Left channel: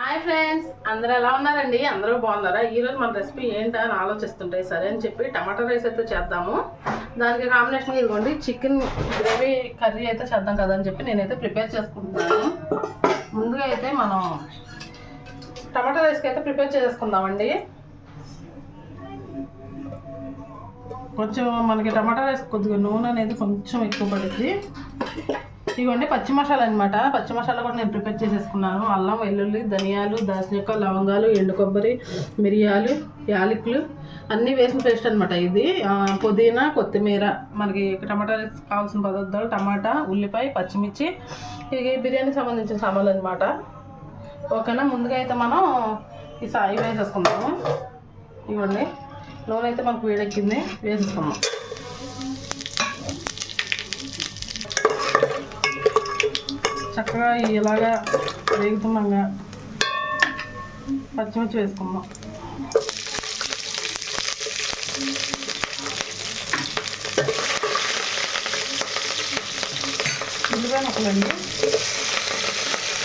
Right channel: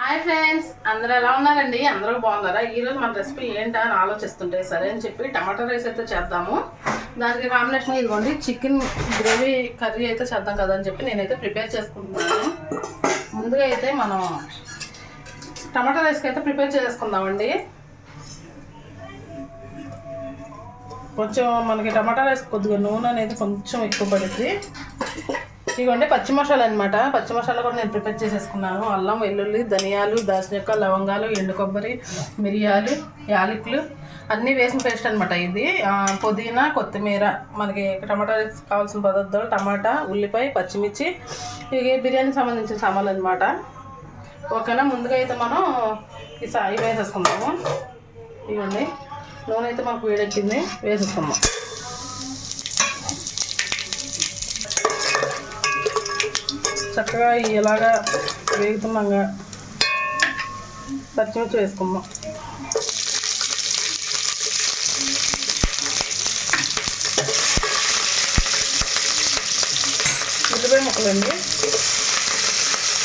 Hi friends అందరూ ఎలా ఉన్నారండి? అందరూ బాగున్నారా? ఈరోజు మన రెసిపీ ఏంటా అని ఆలోచిస్తుంటే సరే అని చెప్పి టమాటా రైస్ అయితే చేద్దాము. దానికి కాంబినేషన్ ఇదిగోండి చికెన్ గ్రేవీ కర్రీ అయితే చేద్దాం కదా అని చెప్పి నేనైతే ప్రిపేర్ చేసుకుంటున్నాను. ముందుగా అయితే మనం టమాటా రైస్కి అయితే ప్రిపేర్ చేసుకుందామండి. కొంచెం మనకి టమాటా రైస్ కొద్దిగా నూనె అనేది కొంచెం ఎక్కువ పడుద్ది. ఇదిగోండి పచ్చి మసాలా అనమాట పచ్చి మసాలా కూడా నేను ప్రిపేర్ చేసేసుకున్నాను. అల్లం వెల్లుల్లి ధనియాలు దాల్చిన లవంగాలు ఎండు కొబ్బరి మిరియాలు యాలకులు అన్నీ వేసిన పేస్ట్ అనమాట ఇది. పుదీనా కొత్తిమీర మనకి టమాటా కావాల్సిన పదార్థాలు టమాటా ఉల్లిపాయ పచ్చిమిర్చి ఇవి బిర్యానీకి సంబంధించిన సామాన్లు అనమాట ఓకేనా ముందుగా అయితే మనం ఈ సాయి వేసేసుకుందాము. ఇవ్వండి నూనె అయితే మనకు వేడెక్కింది వేసేసుకుందాం. చక్కగా ఇలాగా వేగుతున్నాగా పచ్చిమిర్చి వేసుకుందాం. ఉల్లిపాయ ముక్కలు అండి.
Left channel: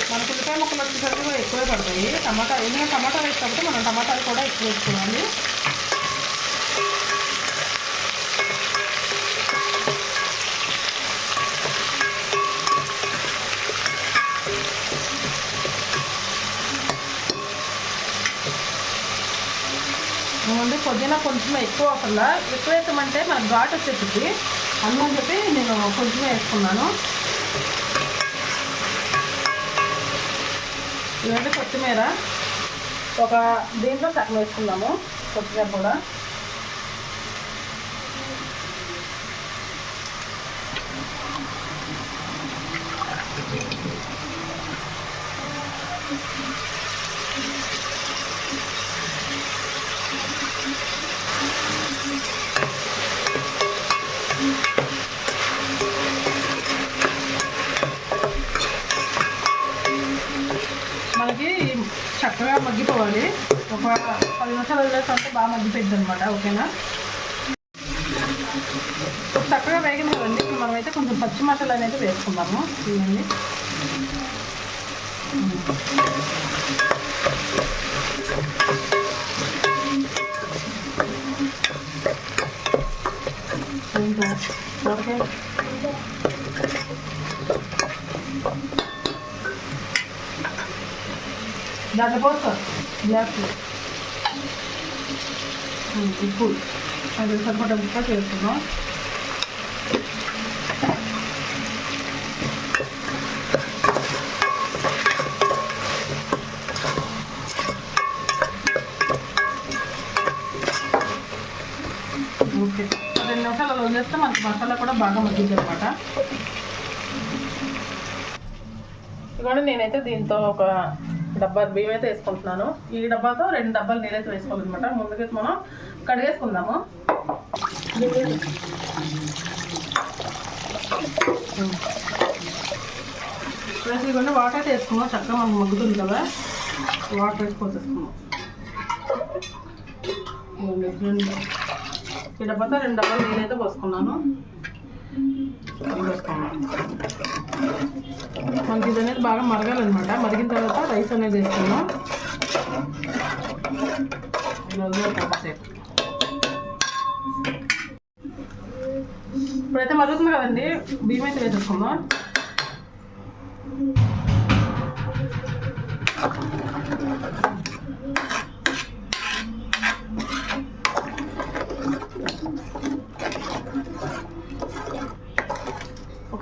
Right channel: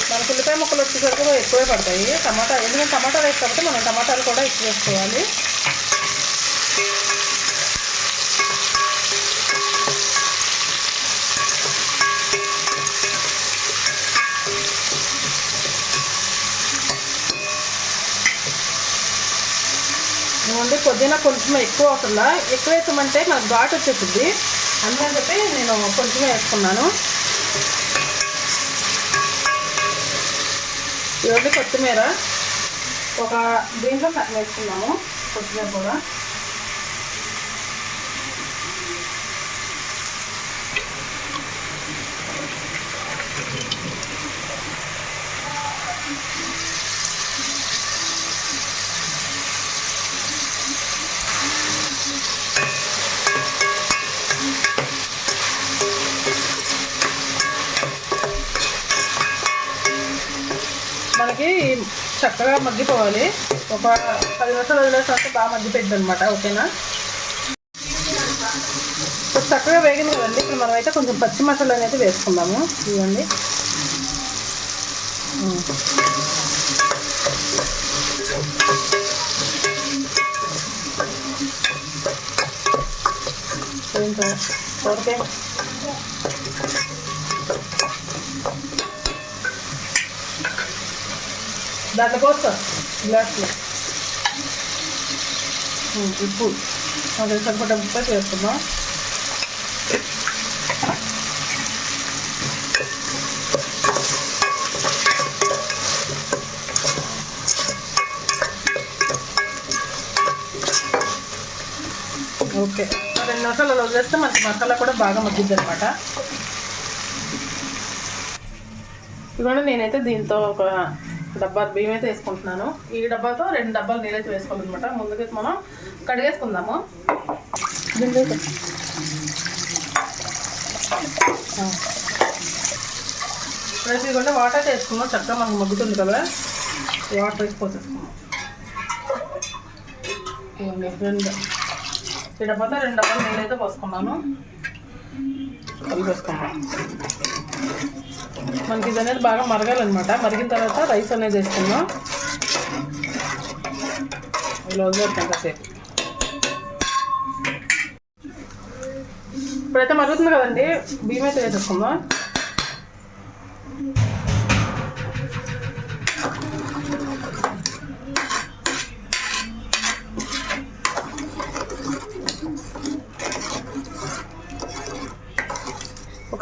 మనకు ఉల్లిపాయ ముక్కలు వచ్చేసరికి ఎక్కువే పడతాయి. టమాటా ఎందుకంటే టమాటా వేసి పడితే మనం టమాటాలు కూడా ఎక్కువ వేసుకోవాలి నుండి పుదీనా కొంచెం ఎక్కువ అవుతుందా? ఎక్కువ వేసామంటే నాకు ఘాట్ వచ్చేసింది. అందుకని చెప్పి నేను కొంచెం వేసుకున్నాను ఇవన్నీ కొత్తిమీర ఒక దీంట్లో సగం వేసుకున్నాము కొత్తిమీర కూడా మనకి బాగా మగ్గిపోవాలి. ఒక పది నిమిషాలు వదిలేసరికి బాగా మగ్గిపోయింది అనమాట ఓకేనా చక్కగా వేగింది కదండి. ఇప్పుడు మనం అయితే కొంచెం పచ్చి మసాలా అనేది వేసుకుందాము. ఇవ్వండి. ఓకే. దాంట్లో పోస్తా. గ్లాస్ ఉప్పు. అది సరిపడ ఉప్పు వేసుకుందాం ఓకే. రెండు మసాలా అలా వదిలేస్తే మనకి మసాలా కూడా బాగా మగ్గింది అనమాట ఇదిగోండి నేనైతే దీంతో ఒక డబ్బా బియ్యం అయితే వేసుకుంటున్నాను. ఈ డబ్బాతో రెండు డబ్బాలు నీళ్ళైతే వేసుకోవాలన్నమాట. ముందుకైతే మనం కడిగేసుకుందాము. రేపు వాటర్ అయితే వేసుకుందాం. చక్కగా మనకు మగ్గుతుంది కదా. వాటర్ వేసి రెండు. ఈ డబ్బాతో రెండు డబ్బాలు నీళ్ళైతే పోసుకున్నాను. పోసుకున్నాను మనకి ఇది అనేది బాగా మరగాలన్నమాట. మరిగిన తర్వాత రైస్ అనేది వేసుకుందాం. ఇలా వదిలేస్తాం కాసేపు. ఇప్పుడైతే మరుగుతుంది కదండి. బియ్యం అయితే వేసేసుకుందాం.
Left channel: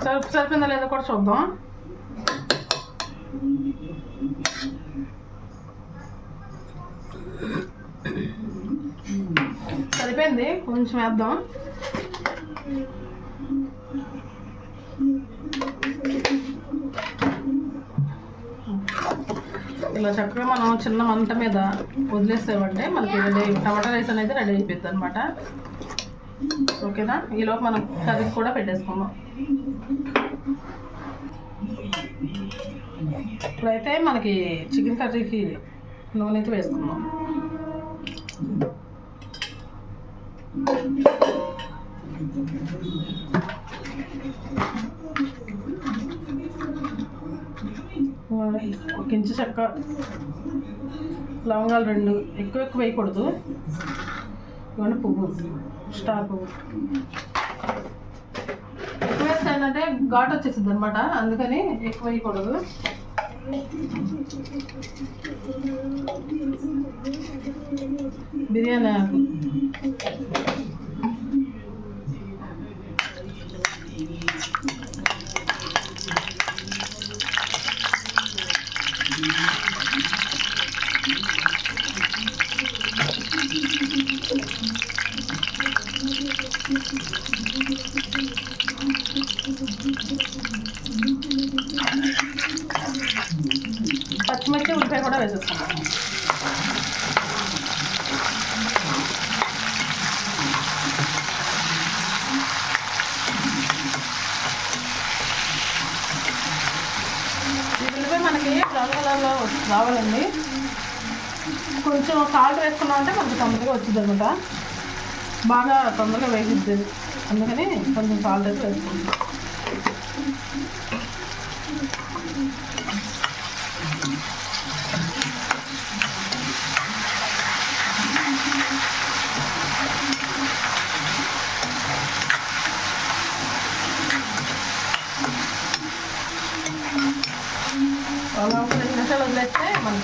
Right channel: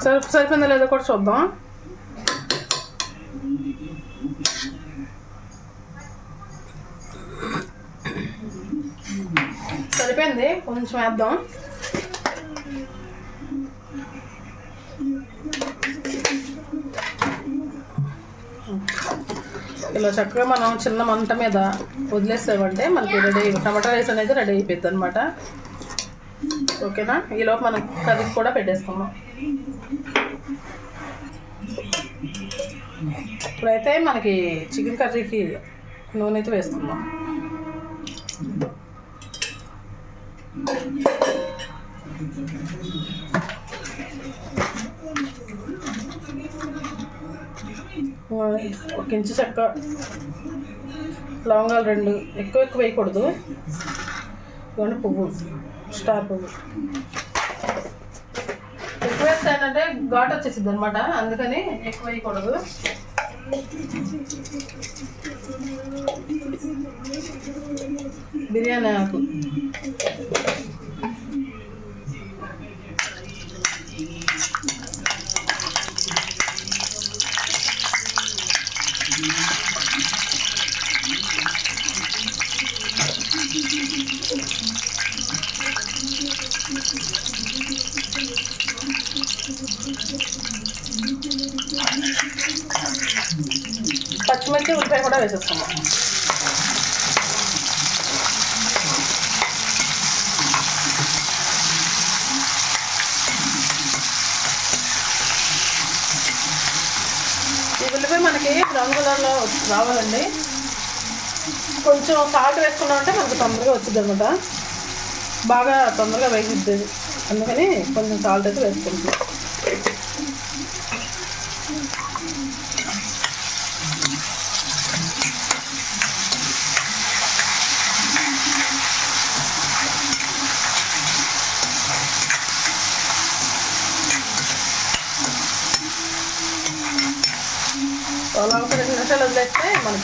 ఒకసారి సరిపోయిందా సరిపోయిందో లేదో కూడా చూద్దాం. సరిపోయింది కొంచెం వేద్దాం. ఇలా చక్కగా మనం చిన్న మంట మీద వదిలేసామంటే మనకి రెడీ టమాటా రైస్ అనేది రెడీ అయిపోద్ది అనమాట ఓకేనా? ఈలోపు మనం కర్రీ కూడా పెట్టేసుకుందాం. ఇప్పుడైతే మనకి చికెన్ కర్రీకి నూనె అయితే వేసుకుందాం. ఒక ఇంచు చెక్క లవంగాలు రెండు ఎక్కువ ఎక్కువ వేయకూడదు. ఇవన్నీ పువ్వు స్టార్ పువ్వు. ఎక్కువ వేస్తే ఏంటంటే ఘాట్ వచ్చేసింది అనమాట అందుకని ఎక్కువ వేయకూడదు. బిర్యానీ ఆకు పచ్చిమిర్చి ఉల్లిపాయ కూడా వేసేస్తాము. ఉల్లిపాయ మనకి బ్రౌన్ కలర్లో రావాలండి. కొంచెం సాల్ట్ వేసుకున్నాం అంటే మనకు తొందరగా వచ్చింది అనమాట బాగా తొందరగా వేగిద్ది. అందుకని కొంచెం సాల్ట్ అయితే వేసుకుంటాం అలా ఒక రెండు నిమిషాలు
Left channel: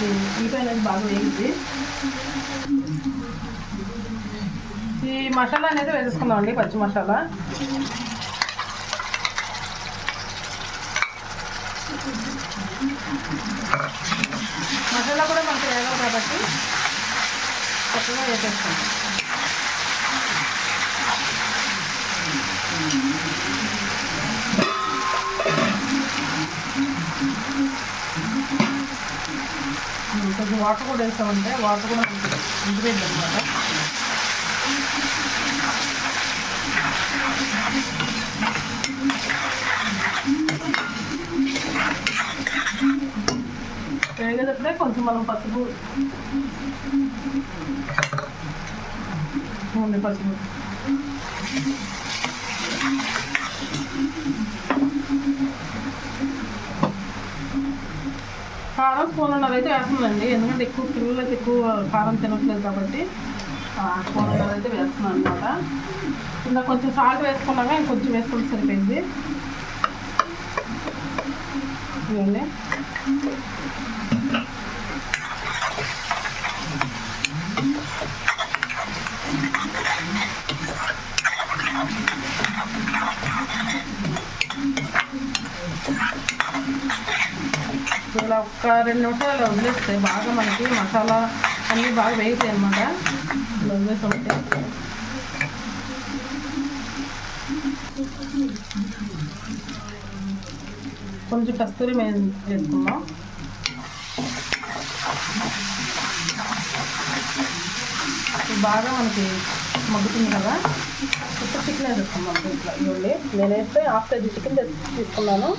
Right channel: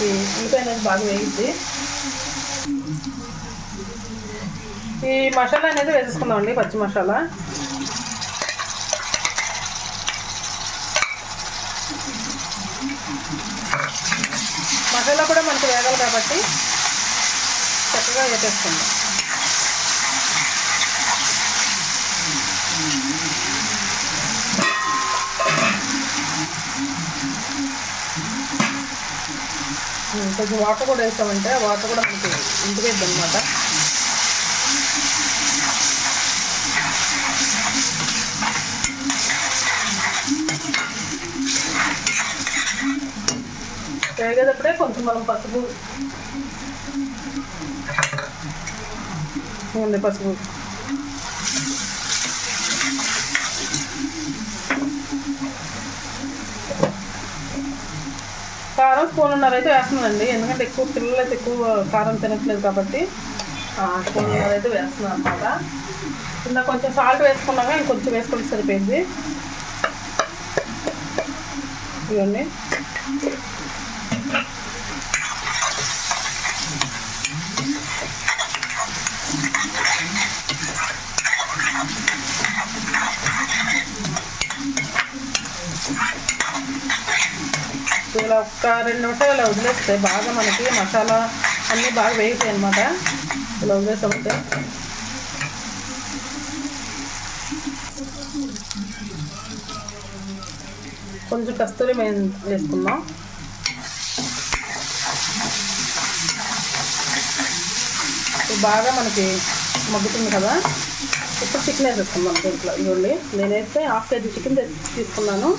ఇది మనకి ఉల్లిపాయ అనేది బాగా వేయింది ఈ మసాలా అనేది వేసేసుకుందామండి పచ్చి మసాలా. మసాలా కూడా మనకు వేగాలి కాబట్టి చక్కగా వేసేసుకుందాం కొంచెం వాటర్ కూడా వేస్తామంటే వాటర్ కూడా మనకి ఇంటిపోయింది అనమాట వేగేటప్పుడే కొంచెం మనం పసుపు. పసుపు. కారం స్పూన్ అయితే వేస్తున్నానండి. ఎందుకంటే ఎక్కువ పిల్లలు అయితే ఎక్కువ కారం తినట్లేదు కాబట్టి స్పూన్ అయితే వేస్తున్నాను అనమాట ఇంకా కొంచెం సాల్ట్ వేసుకున్నాక ఇంకొంచెం వేసుకుంటే సరిపోయింది. ఇవన్నీ ఇలా ఒక రెండు నిమిషాలు ఇలా వదిలేస్తే బాగా మనకి మసాలా అన్నీ బాగా వేగుతాయి అనమాట ఇలా వదిలేసామంటే కొంచెం కస్తూరి మేము వేసుకుందాం. ఇది బాగా మనకి మగ్గుతుంది కదా. ఇప్పుడు చికెన్ వేసేసుకుందాం దీంట్లో. ఇవ్వండి నేనైతే హాఫ్ కేజీ చికెన్ తీసుకున్నాను.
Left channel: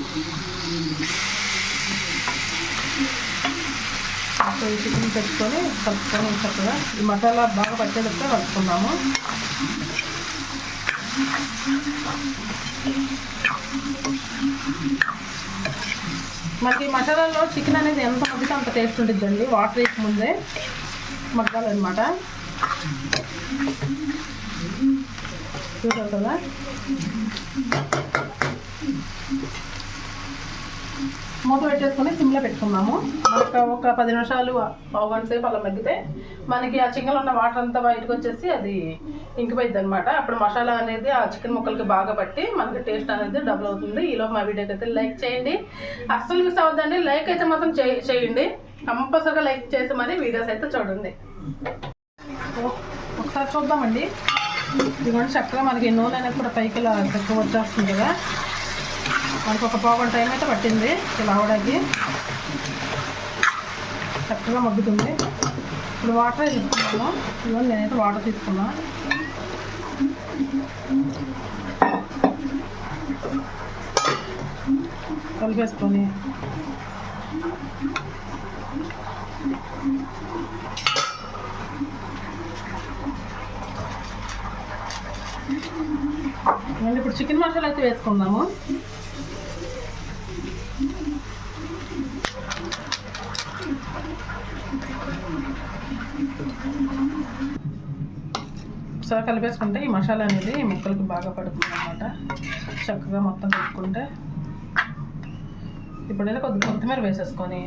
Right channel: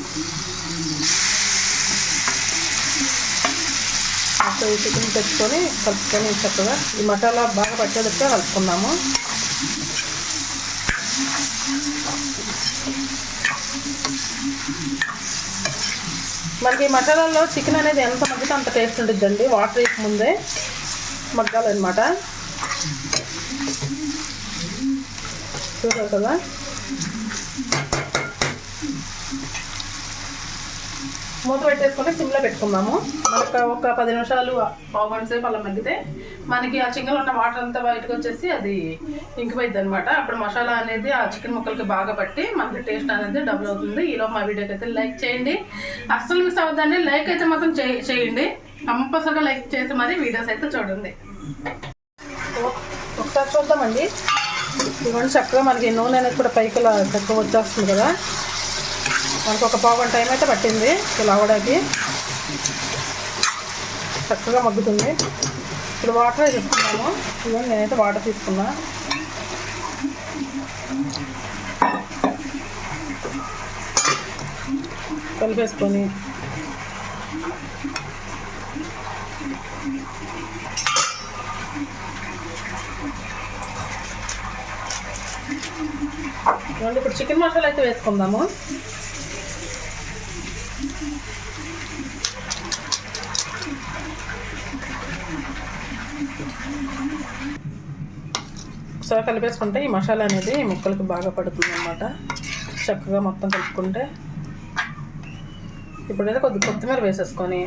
ఈ చికెన్ తెచ్చుకొని కలుపుకొని చక్కగా ఈ మసాలా బాగా పట్టేదొస్తే కలుపుకున్నాము. మనకి ఈ మసాలాలో చికెన్ అనేది ఎంత మగ్గితే అంత టేస్ట్ ఉంటుందండి వాటర్ వేసి ముందే మగ్గాలన్నమాట. చూసారు కదా? మూత పెట్టేసుకుని సిమ్లో పెట్టుకున్నాము. ఒక ఒక పది నిమిషాలు పావు గంట సేపు అలా మగ్గితే మనకి ఆ చికెన్లో ఉన్న వాటర్ అంతా బయటకు వచ్చేసి అది ఇంకిపోయింది అనమాట అప్పుడు మసాలా అనేది ఆ చికెన్ ముక్కలకి బాగా పట్టి మనకి టేస్ట్ అనేది డబుల్ అవుతుంది. ఈలో మా వీడియోకి అయితే లైక్ చేయండి. అస్సలు మిస్ అవ్వద్దండి. లైక్ అయితే మాత్రం చేయండి. కంపల్సరిగా లైక్ చేసి మరి వీడియోస్ అయితే చూడండి. ఒకసారి చూద్దామండి. ఇవన్నీ చక్కగా మనకి నూనె అనేది కూడా పైకి తక్కువ వచ్చేస్తుంది కదా. మనకు ఒక పావు టైం అయితే పట్టింది. ఇలా అవడానికి చక్కగా మగ్గుతుంది. ఇప్పుడు వాటర్ తీసుకున్నాను ఇవన్నీ నేనైతే వాటర్ తీసుకున్నా. కలిపేసుకొని. ఇప్పుడు చికెన్ మసాలా అయితే వేసుకుందాము. ఒకసారి కలిపేసుకుంటే ఈ మసాలా అనేది ఈ ముక్కలకి బాగా పడుతుంది అనమాట చక్కగా మొత్తం కలుపుకుంటే ఇప్పుడైతే కొద్ది కొత్తిమీర వేసేసుకొని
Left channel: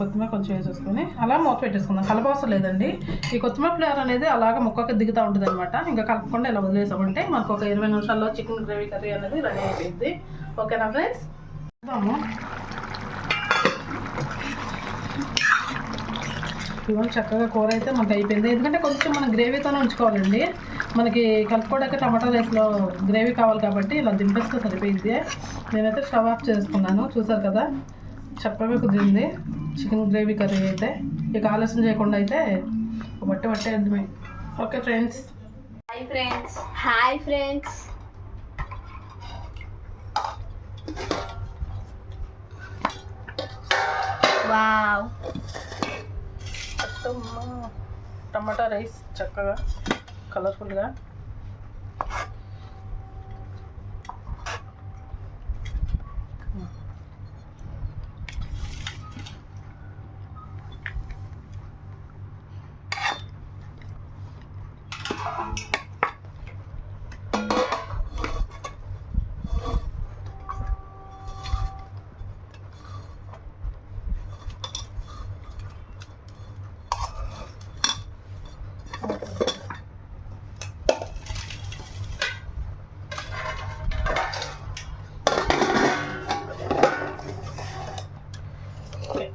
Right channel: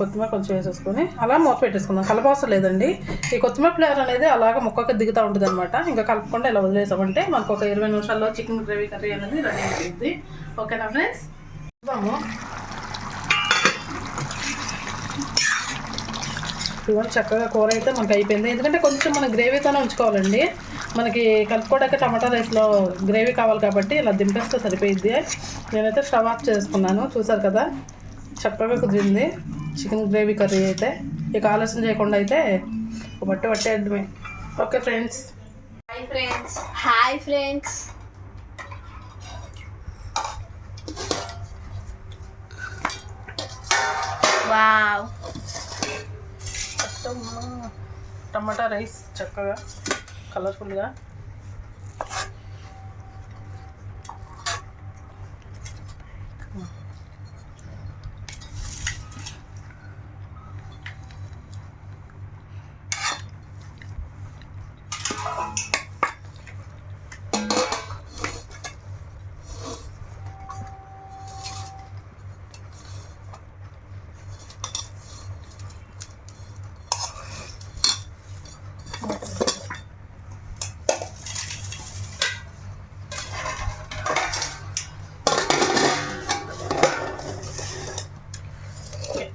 కొత్తిమీర కొంచెం వేసేసుకొని అలా మూత పెట్టేసుకుందాం. కలపవసరం లేదండి. ఈ కొత్తిమీర ఫ్లేవర్ అనేది అలాగ ముక్కకి దిగుతూ ఉంటుంది అనమాట ఇంకా కలపకుండా ఇలా వదిలేసామంటే మనకు ఒక ఇరవై నిమిషాల్లో చికెన్ గ్రేవీ కర్రీ అనేది రెడీ అయిపోయింది. ఓకేనా ఫ్రెండ్స్? చూద్దాము. ఇదిగోండి చక్కగా కూర అయితే మనకి అయిపోయింది. ఎందుకంటే కొంచెం మనం గ్రేవీతోనే ఉంచుకోవాలండి. మనకి కలుపుకోవడానికి టమాటా రైస్లో గ్రేవీ కావాలి కాబట్టి ఇలా దింపేస్తే సరిపోయింది నేనైతే స్టవ్ ఆఫ్ చేసుకున్నాను చూసారు కదా? చక్కగా కుదిరింది. చికెన్ గ్రేవీ కర్రీ అయితే. ఇక ఆలస్యం చేయకుండా అయితే ఒక బట్టి పట్టేద్దామే okay friends. Hi friends. Hi friends. Wow. Tomato rice చక్కగా కలర్ఫుల్గా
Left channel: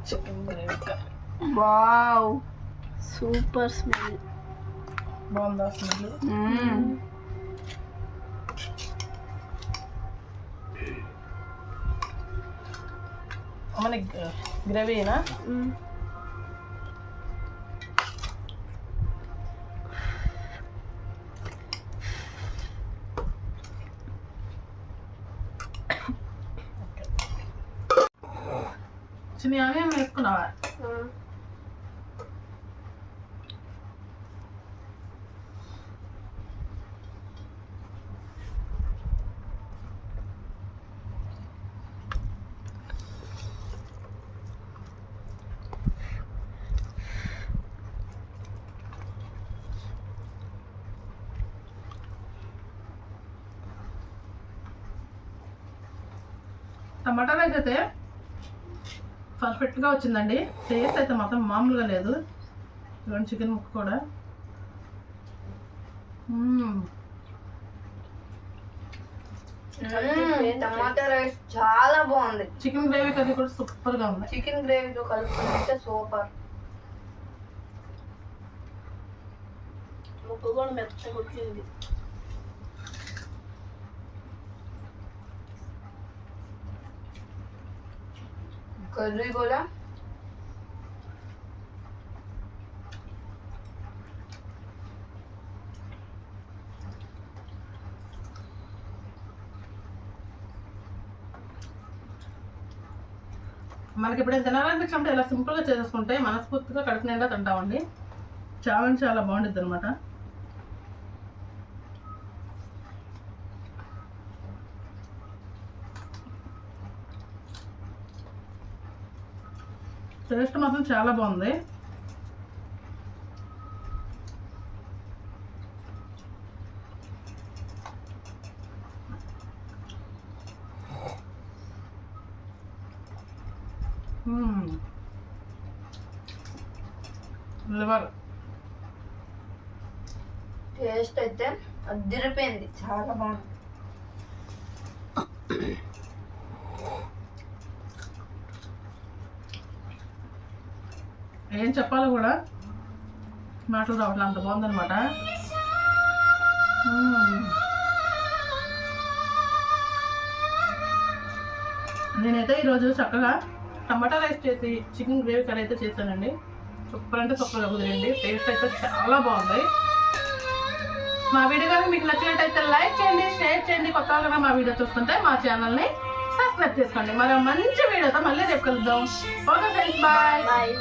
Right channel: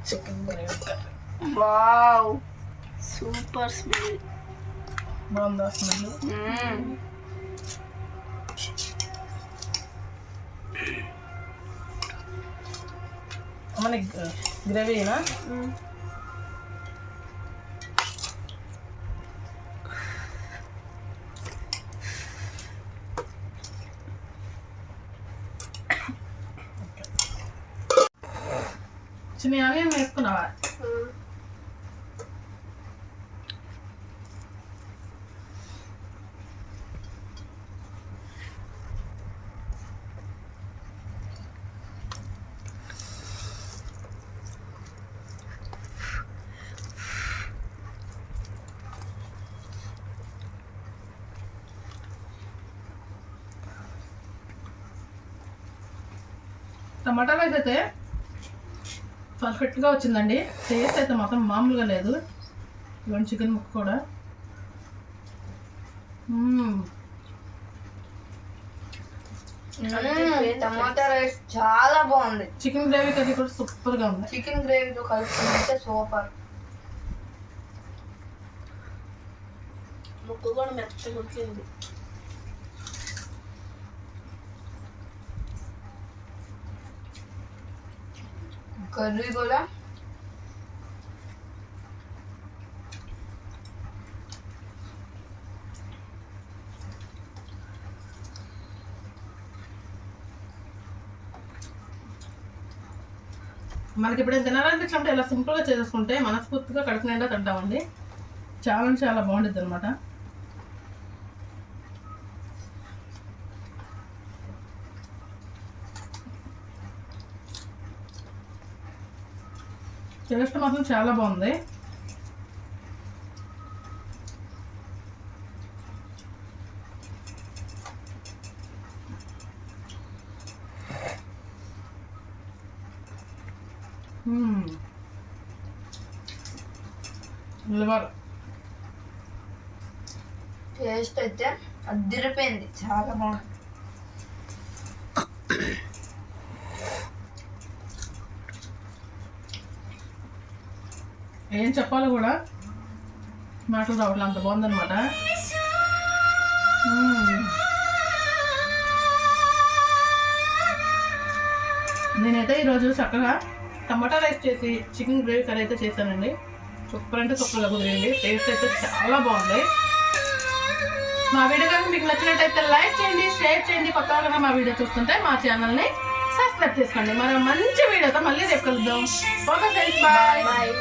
chicken gravy curry wow super smell. బాగుందా స్మెల్? మన గ్రేవీనా చిన్న వేసుకున్నావా? టమాటా రైస్ అయితే పర్ఫెక్ట్గా వచ్చిందండి. టేస్ట్ అయితే మాత్రం మామూలుగా లేదు. ఇవన్నీ చికెన్ ముక్క కూడా. టమాటా రైస్ చాలా బాగుంది. చికెన్ గ్రేవీ కర్రీ కూడా సూపర్గా ఉంది. చికెన్ గ్రేవీతో కలుపుకుంటే సూపర్. ముక్క కూడా మెత్తగా వచ్చింది కర్రీ కూడా మనకి ఇప్పుడు తినాలనిపించినప్పుడు ఇలా సింపుల్గా చేసేసుకుంటే మనస్ఫూర్తిగా కడుపు నిండా తింటామండి. చాలా చాలా బాగుంటుంది అనమాట టేస్ట్ మాత్రం చాలా బాగుంది. లివర్. టేస్ట్ అయితే అద్దరిపోయింది చాలా బాగుంది. ఏం చెప్పాలో కూడా మాటలు రావట్లే అంత బాగుందనమాట నేనైతే ఈరోజు చక్కగా టమాటా రైస్ చేసి చికెన్ గ్రేవీ కర్రీ అయితే చేశానండి. సూపర్ అంటే సూపర్గా కుదిరింది. టేస్ట్ అయితే చాలా బాగుంది. మా వీడియో కనుక మీకు నచ్చినట్టయితే లైక్ చేయండి షేర్ చేయండి. కొత్తగా కనుక మా వీడియో చూస్తుంటే మా ఛానల్ని సబ్స్క్రైబ్ చేసుకోండి. మరో మంచి వీడియోతో మళ్ళీ రేపు కలుద్దాం. Okay friends bye. బాయ్.